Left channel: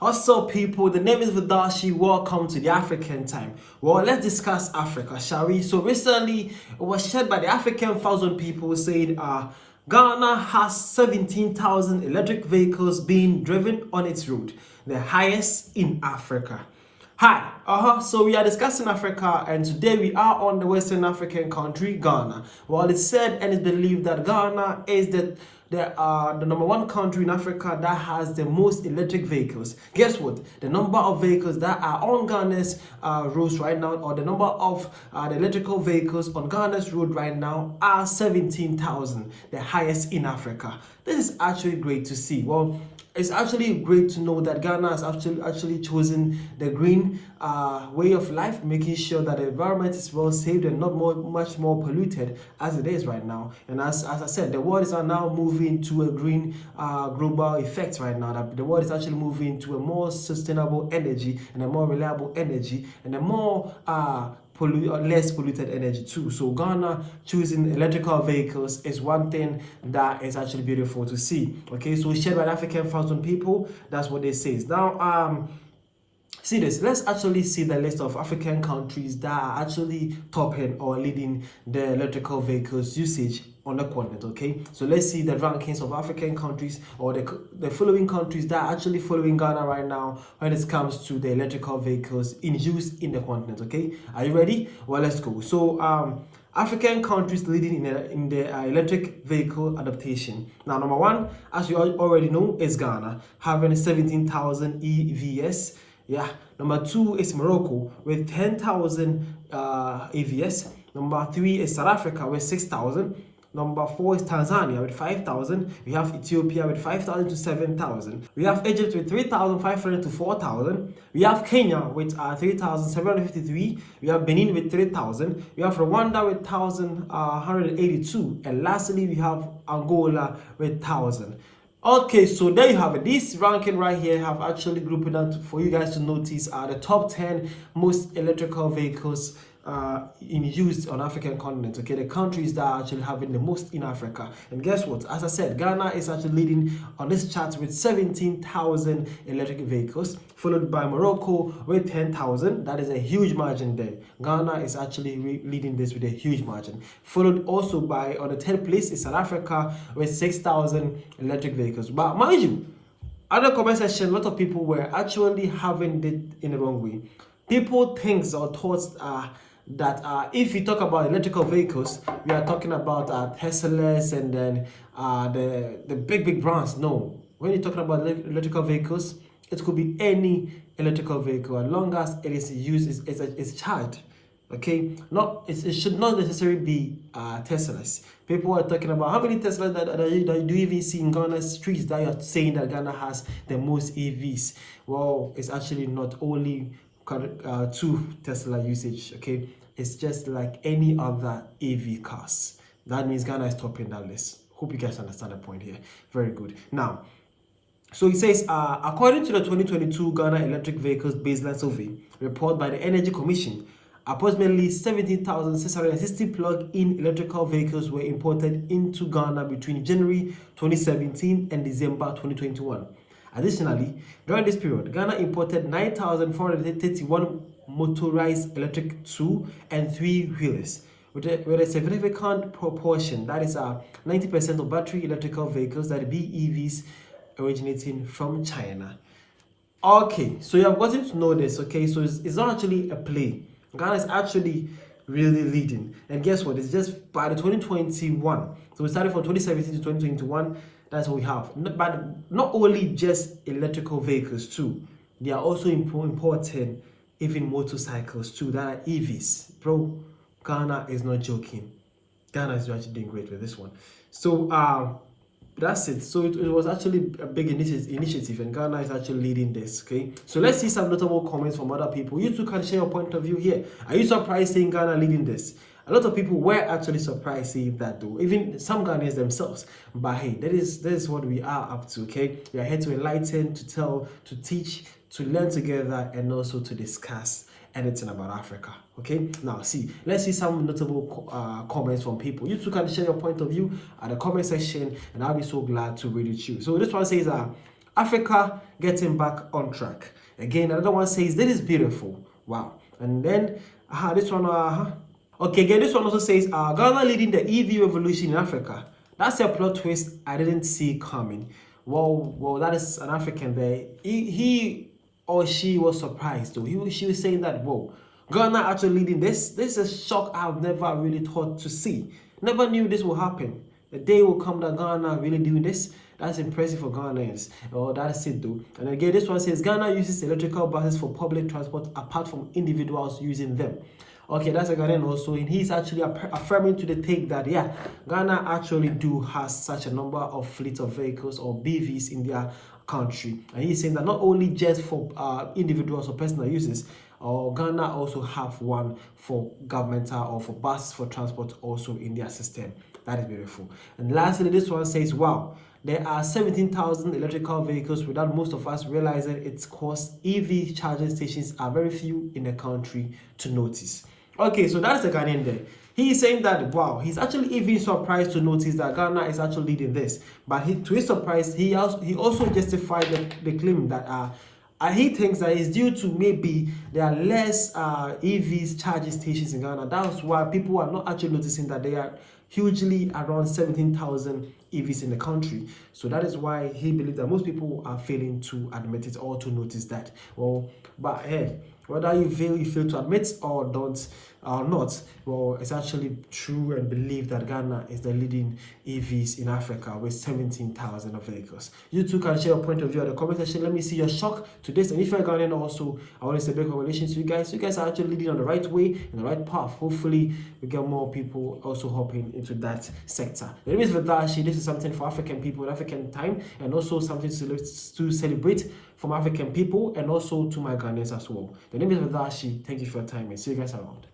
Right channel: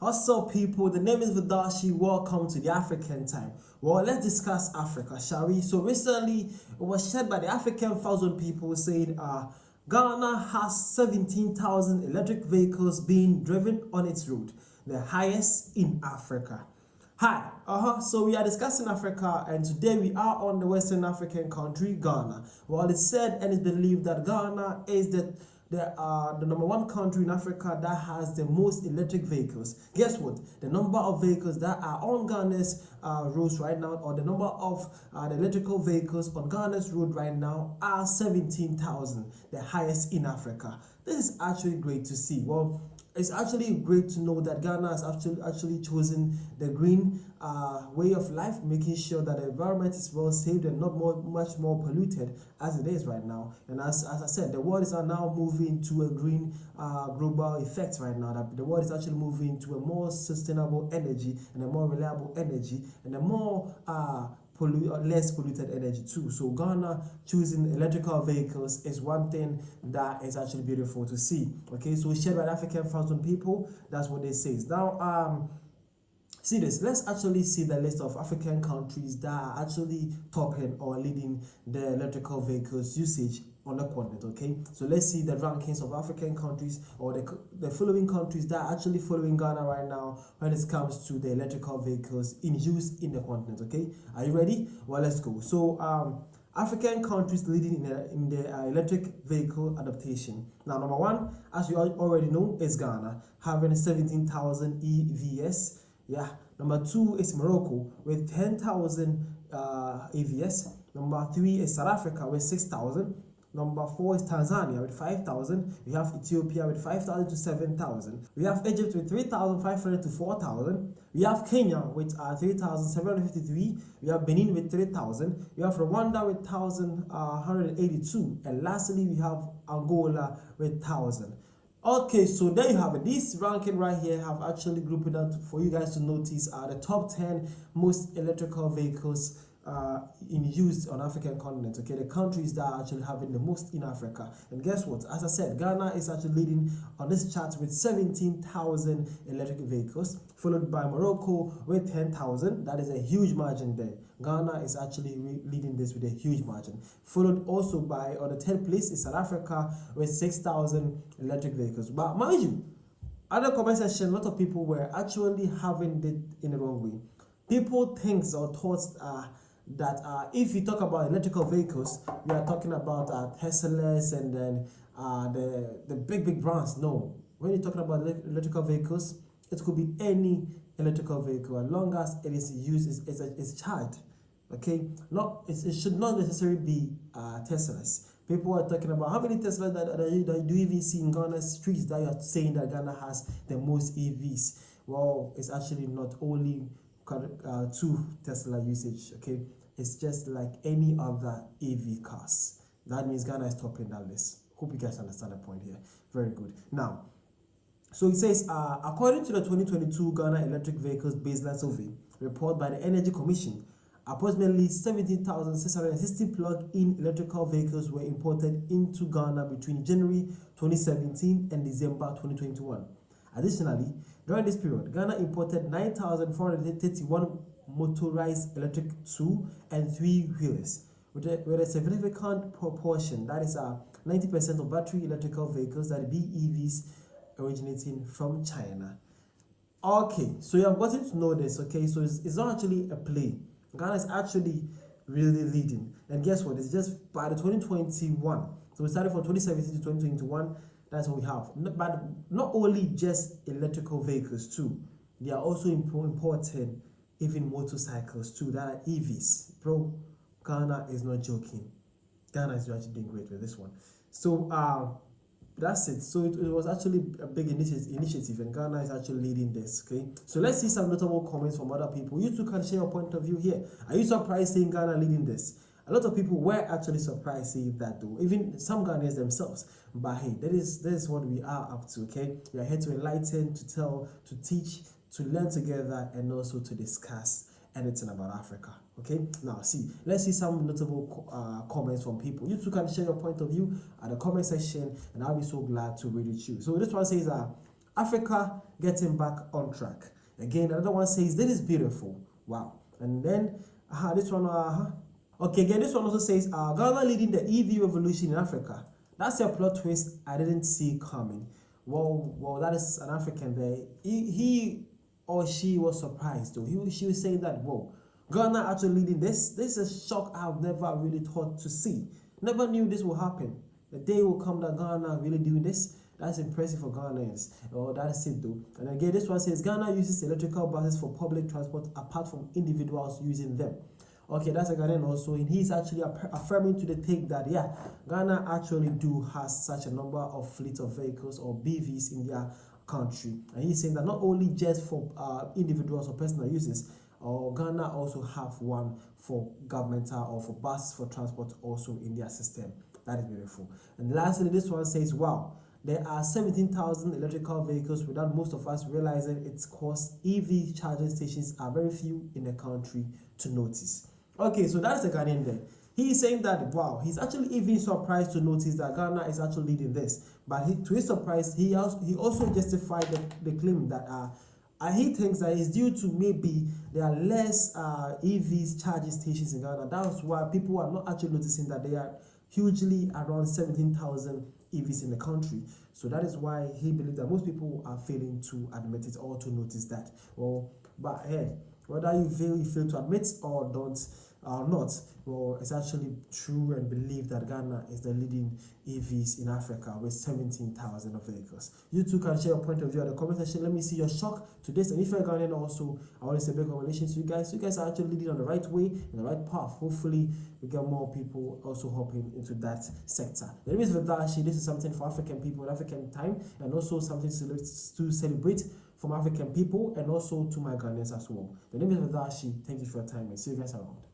What's up, people? The name is Vadashi. Welcome to the African Time. Well, let's discuss Africa, shall we? So recently, it was shared by the African Thousand People saying Ghana has 17,000 electric vehicles being driven on its road, the highest in Africa. Hi, so we are discussing Africa, and today we are on the Western African country, Ghana. Well, it's said and it's believed that Ghana is the number one country in Africa that has the most electric vehicles. Guess what? The number of vehicles that are on Ghana's roads right now, or the number of the electrical vehicles on Ghana's road right now, are 17,000, the highest in Africa. This is actually great to see. Well, it's actually great to know that Ghana has actually chosen the green way of life, making sure that the environment is well saved and not much more polluted as it is right now. And as I said, the world is now moving to a green global effect right now. That the world is actually moving to a more sustainable energy and a more reliable energy and a more less polluted energy too. So Ghana choosing electrical vehicles is one thing that is actually beautiful to see. Okay, so shared by African Thousand People, that's what they say. Now see this, let's actually see the list of African countries that are actually topping or leading the electrical vehicles usage on the continent. Okay, so let's see the rankings of African countries, or the following countries that are actually following Ghana right now when it comes to the electrical vehicles in use in the continent. Okay, are you ready? Well, let's go. So African countries leading in the electric vehicle adaptation. Now, number one, as you already know, is Ghana, having 17,000 EVs. Yeah, number two is Morocco with 10,000 AVS. Number three is South Africa with 6,000. Number four is Tanzania with 5,000. We have Ethiopia with 5,000 to 7,000. We have Egypt with 3,500 to 4,000. We have Kenya with 3,753. We have Benin with 3,000. We have Rwanda with 1,182. And lastly, we have Angola with 1,000. Okay, so there you have it. This ranking right here have actually grouped it out for you guys to notice the top 10 most electrical vehicles in use on African continent. Okay, the countries that are actually having the most in Africa. And guess what? As I said, Ghana is actually leading on this chart with 17,000 electric vehicles, followed by Morocco with 10,000. That is a huge margin there. Ghana is actually leading this with a huge margin. Followed also by, on the 10th place, is South Africa with 6,000 electric vehicles. But mind you, other comment section, a lot of people were actually having it in the wrong way. People think or thoughts that if we talk about electrical vehicles, we are talking about Teslas and then the big brands. No, when you're talking about electrical vehicles, it could be any electrical vehicle as long as it is used, it's charged. Okay, it should not necessarily be Teslas. People are talking about how many Teslas that do you even see in Ghana's streets that you are saying that Ghana has the most EVs. Well, it's actually not only 2 Tesla usage. Okay, it's just like any other EV cars. That means Ghana is topping that list. Hope you guys understand the point here. Very good. Now, so it says, according to the 2022 Ghana Electric Vehicles Baseline Survey report by the Energy Commission, approximately 17,660 plug-in electrical vehicles were imported into Ghana between January 2017 and December 2021. Additionally, during this period, Ghana imported 9,431 motorized electric 2 and 3-wheelers, with a significant proportion, that is 90% of battery electrical vehicles, that BEVs, originating from China. Okay, so you have gotten to know this. Okay, so it's not actually a play. Ghana is actually really leading. And guess what? It's just by the 2021. So we started from 2017 to 2021. That's what we have. But not only just electrical vehicles too. They are also importing even motorcycles too, that are EVs. Bro, Ghana is not joking. Ghana is actually doing great with this one. So that's it. So it was actually a big initiative, and Ghana is actually leading this. Okay, so let's see some notable comments from other people. You too can share your point of view here. Are you surprised seeing Ghana leading this? A lot of people were actually surprised seeing that, though, even some Ghanaians themselves. But hey, that is what we are up to. Okay, we are here to enlighten, to tell, to teach, to learn together, and also to discuss anything about Africa. Okay, now let's see some notable comments from people. You too can share your point of view at the comment section, and I'll be so glad to read it to you. So this one says Africa getting back on track. Again, another one says, this is beautiful. Wow. And then, this one, okay, again, this one also says, Ghana leading the EV revolution in Africa. That's a plot twist I didn't see coming. Well, that is an African there. He or she was surprised though. She was saying that, whoa, Ghana actually leading this. This is a shock I've never really thought to see. Never knew this will happen. The day will come that Ghana really doing this. That's impressive for Ghanaians. Oh, that is it though. And again, this one says Ghana uses electrical buses for public transport apart from individuals using them. Okay, that's a Ghanaian also, and he's actually affirming to the take that, yeah, Ghana actually do has such a number of fleet of vehicles or BVs in their country. And he's saying that not only just for individuals or personal uses, or Ghana also have one for governmental or for bus for transport also in their system. That is beautiful. And lastly, this one says, wow, there are 17,000 electrical vehicles without most of us realizing its cost. EV charging stations are very few in the country to notice. Okay, so that's the Ghanaian there. He is saying that, wow, he's actually even surprised to notice that Ghana is actually leading this. But to his surprise, he also justified the claim that he thinks that it's due to maybe there are less EVs charging stations in Ghana. That's why people are not actually noticing that they are hugely around 17,000 EVs in the country. So that is why he believes that most people are failing to admit it or to notice that. Well, but hey, whether you fail to admit or don't or not, well, it's actually true and believe that Ghana is the leading EVs in Africa with 17,000 of vehicles. You too can share your point of view in the comment section. Let me see your shock to this. And if you're Ghanaian also, I want to say big congratulations to you guys. You guys are actually leading on the right way, in the right path. Hopefully, we get more people also hopping into that sector. The name is Vadashi. This is something for African people in African time, and also something to celebrate from African people and also to my Ghanaians as well. The name is Vadashi. Thank you for your time and see you guys around.